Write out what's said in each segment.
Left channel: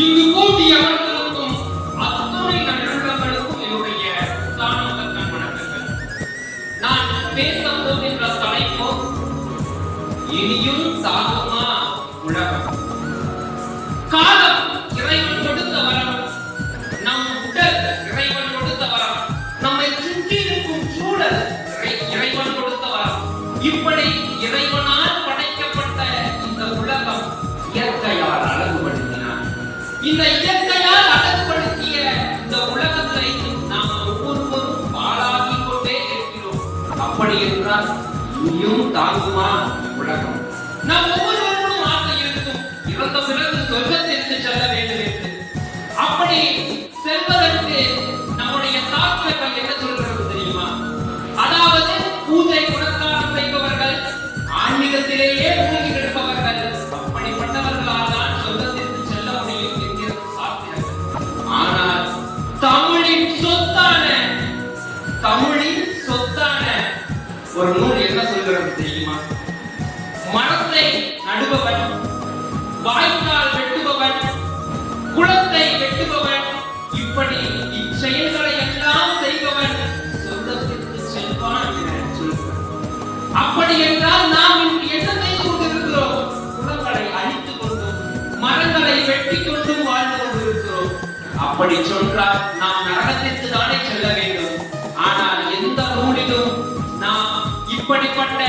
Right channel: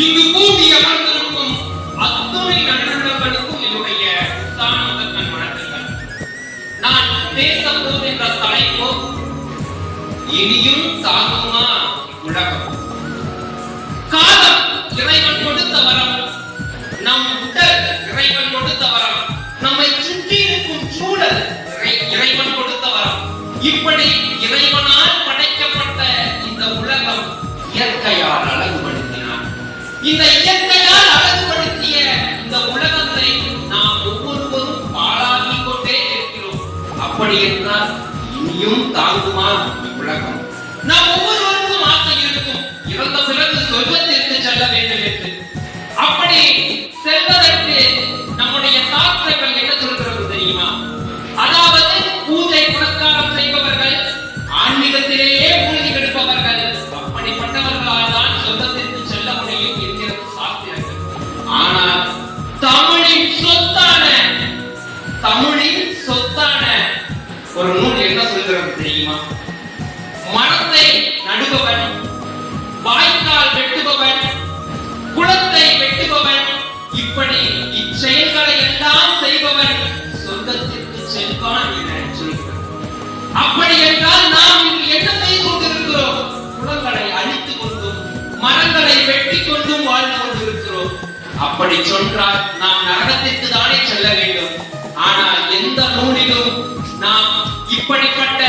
இங்கு கூடி அமர்ந்திருக்கும் அத்துணை நல்லுள்ளங்களுக்கும் என்னுடைய தாமதங்கள் வணக்கங்கள். நான் பேச போகின்ற தலைப்போ இனியும் தாங்குமா உலகம். காலம் இறைவன் கொடுத்த வரம், நம் உடல் இறைவன் கொடுத்த வரம், நம்மை சுற்றி இருக்கும் சூழல் இறைவன் கொடுத்த வரம். இப்படி இறைவனால் படைக்கப்பட்ட இந்த உலகம் இயற்கையால் அழகுபடுத்தினார். இந்த இயற்கையால் அழகுபடுத்திய இந்த உலகத்தை நாம் ஒவ்வொருவரும் பாழாக்கிக் கொண்டே இருக்கிறோம். அப்படி என்றால் இனியும் தாங்குமா உலகம்? நாம் ஒவ்வொருவருக்கும் ஆசை இருக்கும், இறந்த பிறகு சொர்க்கத்திற்கு செல்ல வேண்டும் என்று. அப்படி செல்வதற்கு நம்முடைய சாஸ்திரங்கள் என்ன சொல்கிறது தெரியுமா? அதாவது பூஜை புனஸ்காரம் செய்பவர்கள், ஆன்மீகத்திலேயே மூழ்கி கிடப்பவர்கள், அப்படிப்பட்டவர்களால் தான் சொர்க்கத்திற்கு செல்ல முடியும் என்கிறது சாஸ்திரங்கள். ஆனால் தமிழின் சொத்தான ஒரு நூல் என்ன சொல்கிறது தெரியுமா? மரத்தை நடுபவன், வாய்க்கால் வெட்டுபவன், குளத்தை வெட்டுபவன், இப்படி இச்செயல்களை எல்லாம் செய்பவன் சொர்க்கத்திற்கு செல்வான் என சொல்கிறார். அப்படி என்றால் நாம் என்ன செய்து கொண்டிருக்கிறோம்? குளங்களை அழித்துக் கொண்டும் மரங்களை வெட்டிக் கொண்டும் வாழ்ந்து கொண்டிருக்கிறோம். அப்படி சொன்னால் நாம் நரகத்திற்கு தானே செல்ல வேண்டும். ஆனால் எந்த நூலிலும் நாம் இப்படிப்பட்ட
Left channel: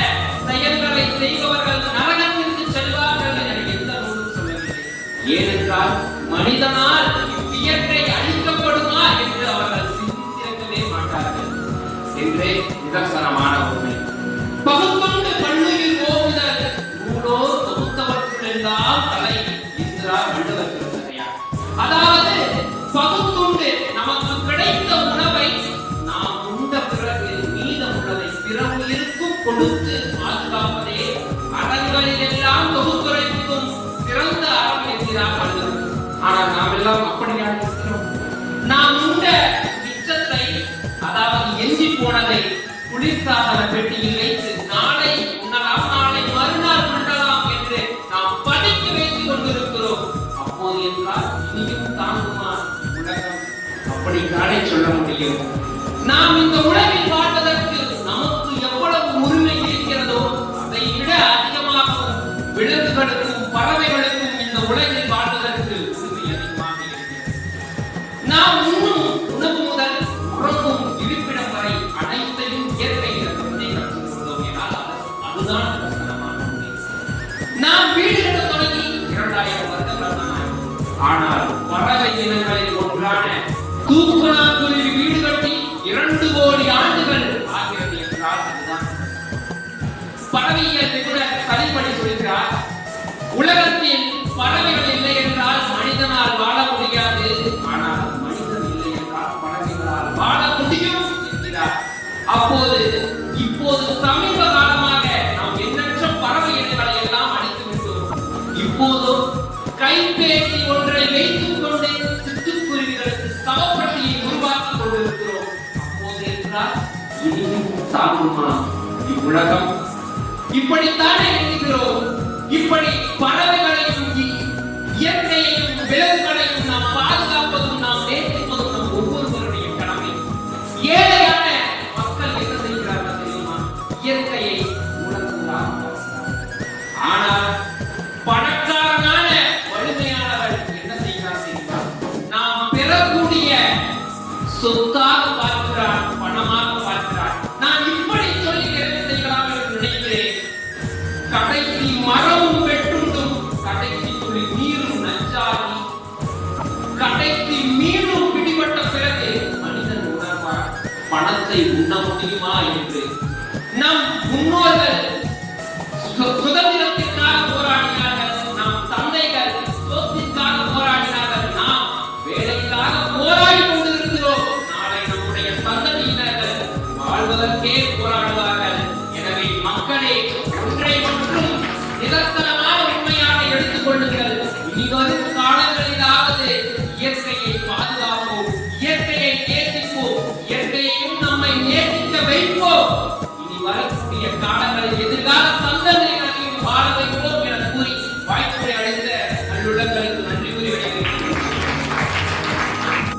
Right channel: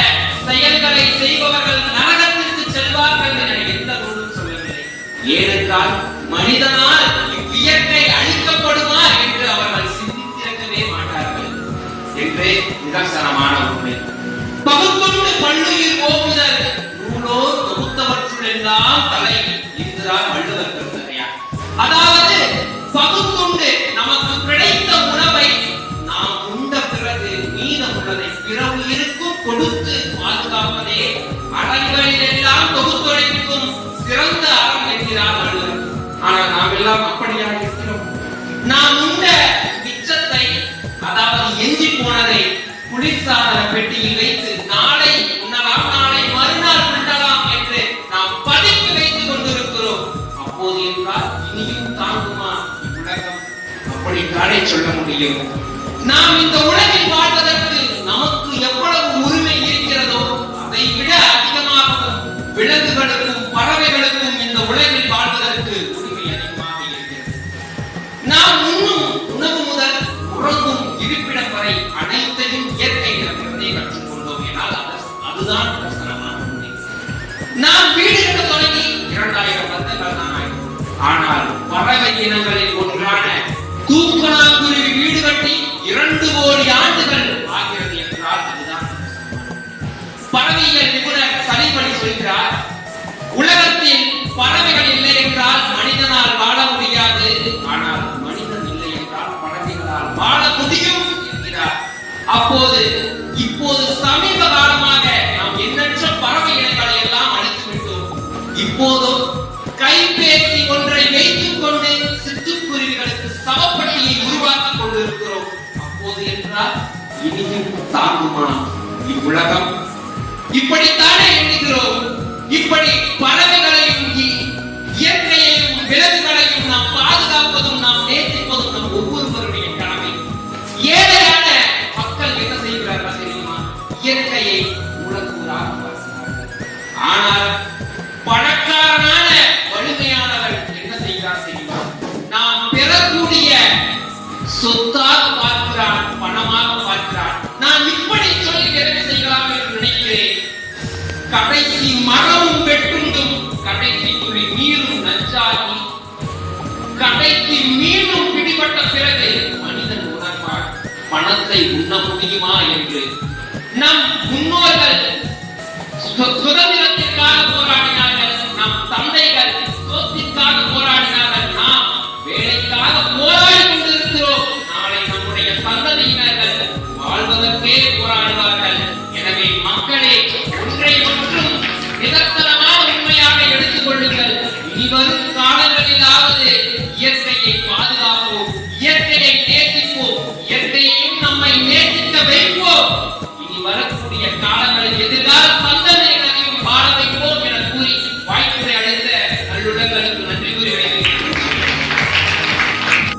செயல்களை செய்பவர்கள் நரகத்திற்கு செல்வார்கள் என எந்த நூலும் சொல்லவில்லை. ஏனென்றால் மனிதனால் இயற்கை அழிக்கப்படுமா என்று அவர்கள் சிந்தித்திருக்கவே மாட்டார்கள் என்றே நிதர்சனமான உண்மை. பகுத்தொண்டு பள்ளியில் போகுதல் நூலோர் தொகுத்தவற்றுள்ளெல்லாம் தலை என்கிறார் வள்ளுவர் பெருந்தகையார். அதாவது பகுத்துண்டு நமக்கு கிடைத்த உணவை நாம் உண்ட பிறகு மீதம் உள்ளதை பிறகு இருக்கும் கொடுத்து பாதுகாப்பதே அறங்களில் எல்லாம் தொகுத்துரைக்கும் சிறந்த அறம் என்கிறார் வள்ளுவர். ஆனால் நாம் எல்லாம் அப்படியாக இருக்கிறோம். நாம் உண்ட மிச்சத்தை, அதாவது எஞ்சி போனதை குளிர்சாதன பெட்டியில் வைத்து நாளை உண்ணலாம், நாளை மறுநாள் உண்ணலாம் என்று நாம் பதுக்கி வைத்துக் கொண்டிருக்கிறோம். அப்போது என்றால் இனியும் தாங்குமா உலகம்? அப்படி தானே சொல்ல முடியும். நாம் இந்த உலகில் வாழ்வதற்கு நமக்கு எவ்வளவு உரிமை இருக்கிறதோ அதை விட அதிகமாகவும் விலங்குகளுக்கும் பறவைகளுக்கும் இந்த உலகில் வாழ்வதற்கு உரிமை அதிகமாக இருக்கிறது. நாம் உண்ணும் உணவு முதல் உறங்கும் இருப்பிடம் வரை அனைத்தையும் இயற்கை நிலப்பதை கற்றுக்கொண்டோம் என்றால் அதுதான் பிரசனமான உண்மை. நாம் வீடு கட்ட தொடங்கி 2000 வருடங்கள் தான் ஆகும். ஆனால் பறவை இனங்களில் ஒன்றான தூக்கணாங்குருவி வீடு கட்டி 2 கோடி ஆண்டுகள் ஆகிறது என்றால் அதுதான். பறவையியல் நிபுணர் சரிபடி சொல்கிறார், உலகத்தில் பறவைகள் இல்லை என்றால் மனிதனால் வாழ முடியாது, ஆனால் மனிதன் இல்லை என்றால் பறவைகளால் வாழ முடியும் என்கிறார். இப்போது சமீப காலமாக நாம் எண்ணற்ற பறவை இனங்களை எல்லாம் அழித்து விட்டோம். இப்போது கைபேசி ஒன்றை வைத்துக் கொண்டு சிட்டுக்குருவிகளுக்கு சவப்பட்டியை உருவாக்கிக் கொண்டிருக்கிறோம். அப்போது என்றால் இனியும் தாங்குமா இவ்வுலகம்? இப்படித்தானே எண்ணுகிறோம். இப்படி பறவைகளையும் இயற்கையையும் விலங்குகளையும் நாம் பாதுகாப்பதும் நாம் நேசிப்பதும் நம் ஒவ்வொருவருடைய கடமை. ஏழையான மக்கள் என்ன செய்கிறார்கள் தெரியுமா? இயற்கையை உணர்கிறார். ஆனால் பணக்காரனான வலிமையானவர் என்ன செய்கிறார் தெரியுமா? நாம் பெறக்கூடிய சொத்தாக பார்க்கிறான், பணமாக பார்க்கிறான். நான் இப்படி சொல்லி நிறைவு செய்யலாம் என்று நினைக்கிறேன். கடைசி மரமும் வெட்டுண்டும் கடைசி துளி நீரும் நஞ்சாகி கடைசி மீனும் பிடிபட்ட பிறகு மனிதன் உணர்வார் பணத்தை உண்ண முடியுமா என்று. நம் முன்னோர்கள் சுதந்திரத்திற்காக போராடினார்கள், நம் தந்தைகள் சொத்திற்காக போராடினார்கள், நாம் வேலைக்காக போராடி கொண்டிருக்கிறோம். நாளை நம்முடைய சந்ததியினர்கள் வாழ்வதற்கே போராடுவார்கள். எனவே மக்களே, ஒன்றை மட்டும் நிதர்சனமான உண்மையாக எடுத்துக் கொள்ளுங்கள். இனிவரும் காலங்களிலாவது இயற்கையை